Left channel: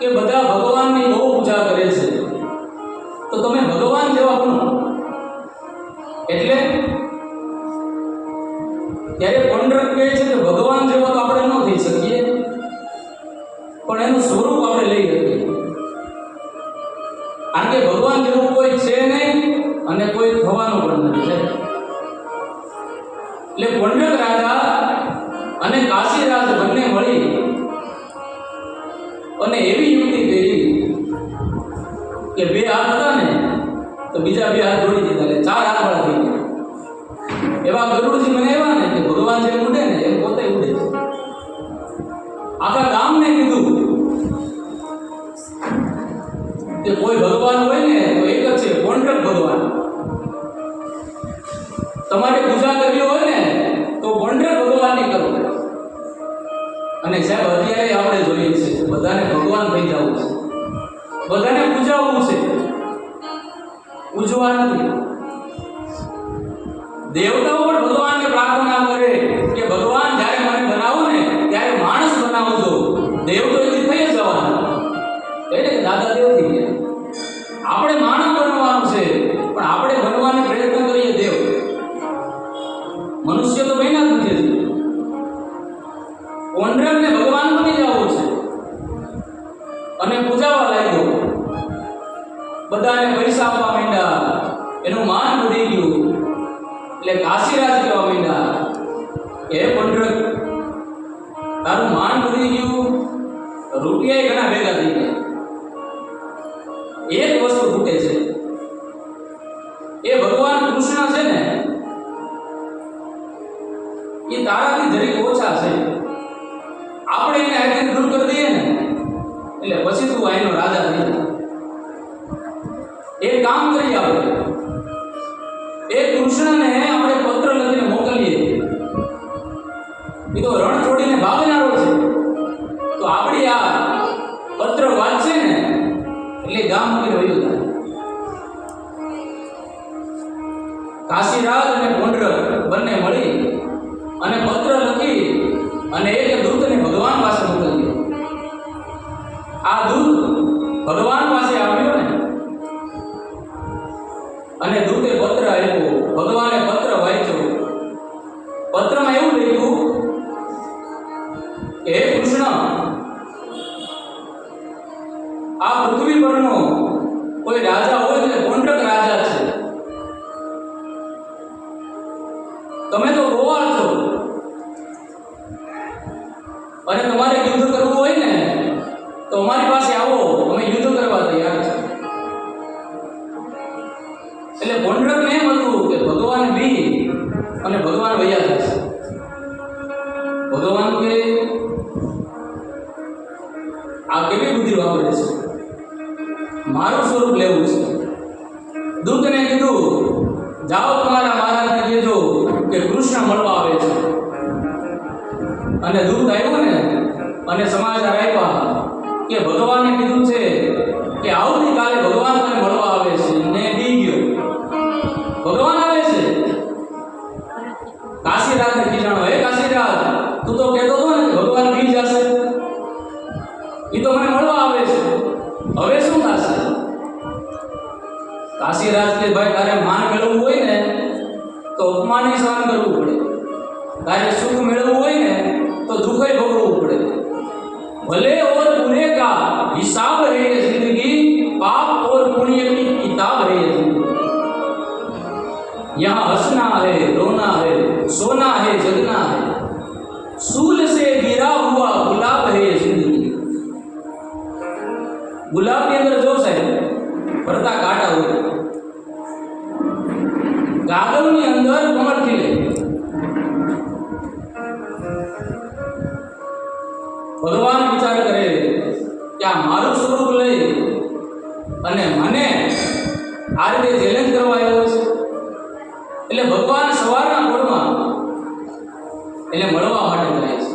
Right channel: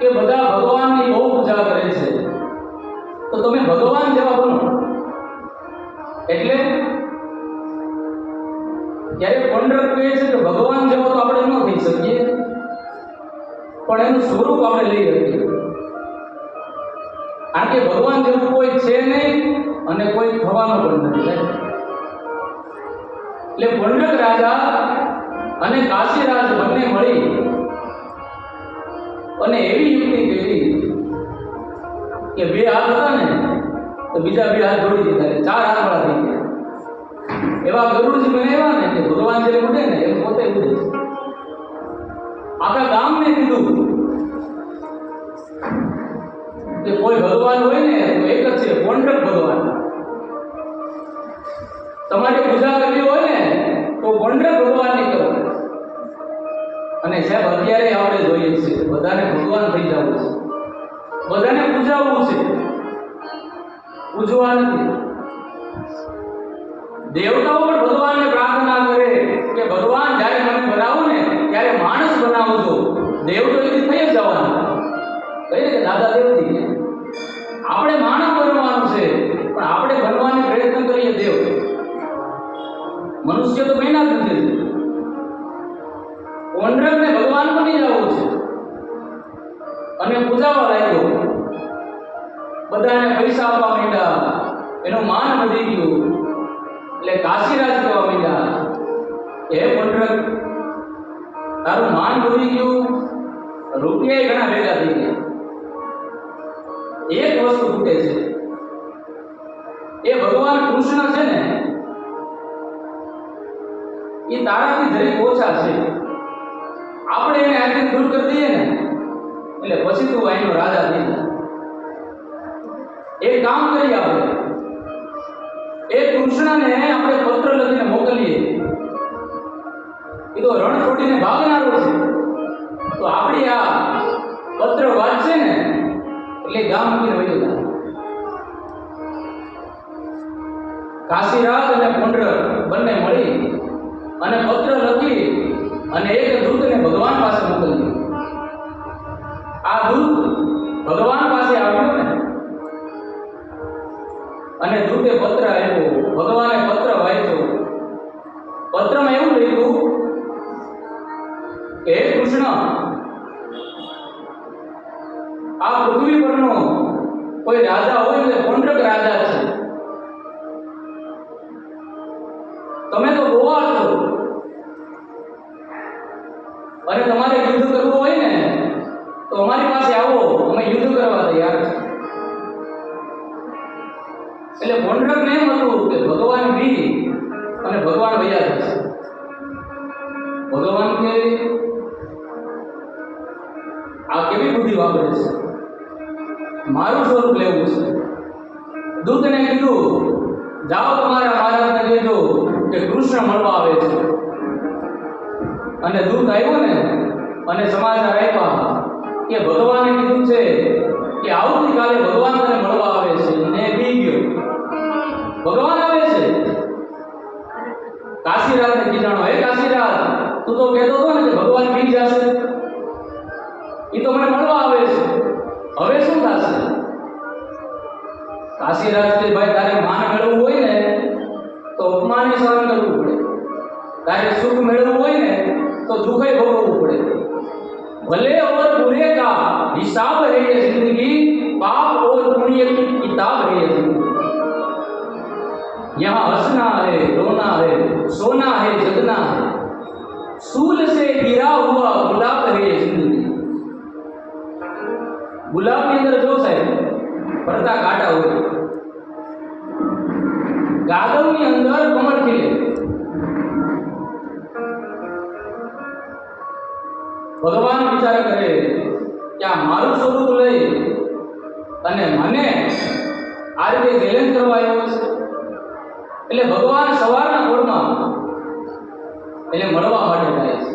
કે બધા ભગવાનની બહુ પૂજા કરે છે, તો તમે ભગવાન જેવા બનો. એટલે ત્યારે પંડરક કહે છે કે ભગવાન જેવા તો આપણે ન થઈ શકીએ, પણ એનું સ્વરૂપ આપણે લઈ શકીએ. કારણ કે ભગવાન જેવું કોઈ છે નહીં અને કોઈ થવાનું પણ નથી. એટલે પંડરક રાજા અને કાશીરાજ બંને મળી અને એવી યુક્તિ કરી કે બે હાથ હતા ને તો બીજા બે હાથ જોડી દીધા, એટલે 4 હાથવાળા થઈ ગયા. એવા ગરુડજી મને એવા ને કે ભગવાન જે ઉડે ને એ પોતે ઉડે છે. આખા ગામને કીધું કે કોઈ ભગવાન હોય ને તો એક જ છે, પંડરક ભગવાન. તમારે પૂજા કરવી હોય ને તો પંડરક ભગવાનની કરો. અને સાહેબ અત્યારે આપણે જોઈએ છે બધાને ભગવાન થઈ જવું છે, બધાને પૂજાવવું છે, પૂજવા નથી. દેવતાઓ પણ ભગવાનને પ્રાર્થના કરે કે ભગવાન જ્યારે મને બનાવો ને ત્યારે માણસ બનાવજો. દેવ તો એથી થઈ જ જવાનું, કહીને કે દાદા દેવ થઈ ગયા. આપણે માનવ બનવાનું છે, પણ આપણે બનવાનો પ્રયત્ન કરીએ દેવ. મનુષ્ય તો બન્યા જ નથી. પંડરકને ભગવાન બની જવું છે અને પૂજાવા લાગ્યો. બધાને પૈસા આપવા માંડ્યા, એનું માન વધી ગયું. એટલે કાશીરાજ કહેવા માંડ્યા કે હે પંડરક, તારું માન વધી ગયું, રૂપિયા ઘણા ભેગા થઈ ગયા. એક વસ્તુ ખૂટે છે, એ ભગવાન કૃષ્ણ છે ને એ તારાથી જરીક ઓછા છે. આપણે એને આગળ દૂર કરી દઈએ ને એટલે પછી તું અહીંનો રાજા થઈ જા. એક કામ કરીએ, આપણે એ કૃષ્ણને આપણે પત્ર લખીને મોકલીએ. એ તો રણ છોડીને ભાગનારો છે, તો આપણી આ પત્ર વાંચશે ને એટલે ગામ મૂકીને વયો જાય. કાશીરાજ અને પંડરક બંને મળી અને પત્ર લખી અને એક દૂતને ભગવાન પાસે મોકલ્યો. આ દૂત ભગવાન પાસે આવ્યો ને અને દૂતે પત્ર આપ્યો. ભગવાને પત્ર વાંચ્યો. પત્રમાં એવું લખ્યું કે હે કૃષ્ણ, આ પૃથ્વી પરનો કોઈ રાજા હોય એટલે પંડરક રાજા છે. તમે તો ગોવા છો અને તમારે યુદ્ધ કરવું હોય ને તો અમારી પાસે આવો, અમે યુદ્ધ કરવા તૈયાર છે. એટલે પંડરકને એમ હતું કે ભગવાન બી અને ભગવાન વૈયા જશે. ભગવાન કે આ કેવી બુદ્ધિ વાપરે છે, મારું સ્વરૂપ લેવું છે. દૂતને કીધું જાઓ તમારા મહારાજને કહેજો કે કૃષ્ણ મળવા આવે છે. અને દૂત આવ્યો ને અને સમાચાર આપ્યા કે ભગવાને કીધું છે કે આવતીકાલે ભગવાન તને મળવા આવે છે. ને બી ગયો, ભગવાન આવે છે. કાશીરાજને કીધું, હે કાશીરાજ, તું તો કહેતો હતો ને કે ભગવાન બી જશે, એ તો મને મળવા આવે છે, હવે શું થશે? કાશીરાજ કે ભાઈ, તારે માન મેળવવું હોય ને તો અપમાનને સહન કરવું પડે, તારે સુખ મેળવવું હોય ને तो दुख ही भोगवू पड़े. भले और बुरे का हिसाब है ये जिंदगी, पाप और पुण्य की किताब है ये जिंदगी. यहाँ हंसना है, रोना है, सोना है, जगना है. सूल से गिरा हुआ गुलाब है ये जिंदगी. गुलाब के अंदर जोश है, फरता काटा हुआ. कागज ની અંદર કમળ ખીલે. ભગવાન વિચાર કરે કે આ મારું સ્વરૂપ લઈ અને મને આ રીતે ચેલેન્જ કરવા આવ્યો છે. એટલે ભગવાન સવારના પોરમાં એટલે મળવા માટે જાય છે.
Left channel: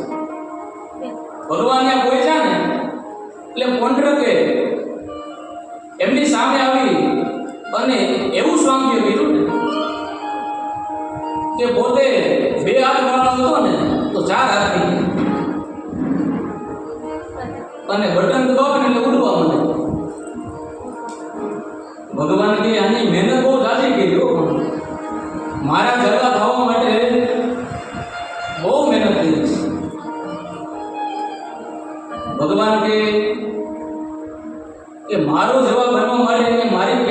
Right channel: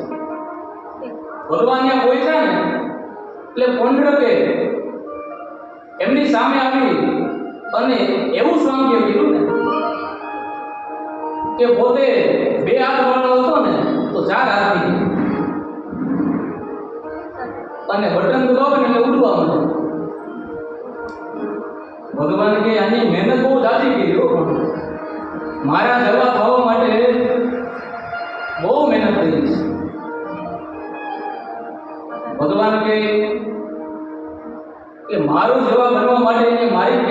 ભગવાન ત્યાં પહોંચ્યા ને એટલે પંડરકે એમની સામે આવી અને એવું સ્વાંગ્ય કર્યું ને કે પોતે 2 હાથ વાળો હતો ને તો 4 હાથ થઈ ગયા. અને અને બટન દબાવે ને એટલે ઉડવા માંડે. ભગવાન કે આની મહેનત બહુ જાજી કરી હો, પણ મારા જેવા થવા માટે બહુ મહેનત કરી છે. ભગવાન કે મારું જેવા બનવા માટે મારી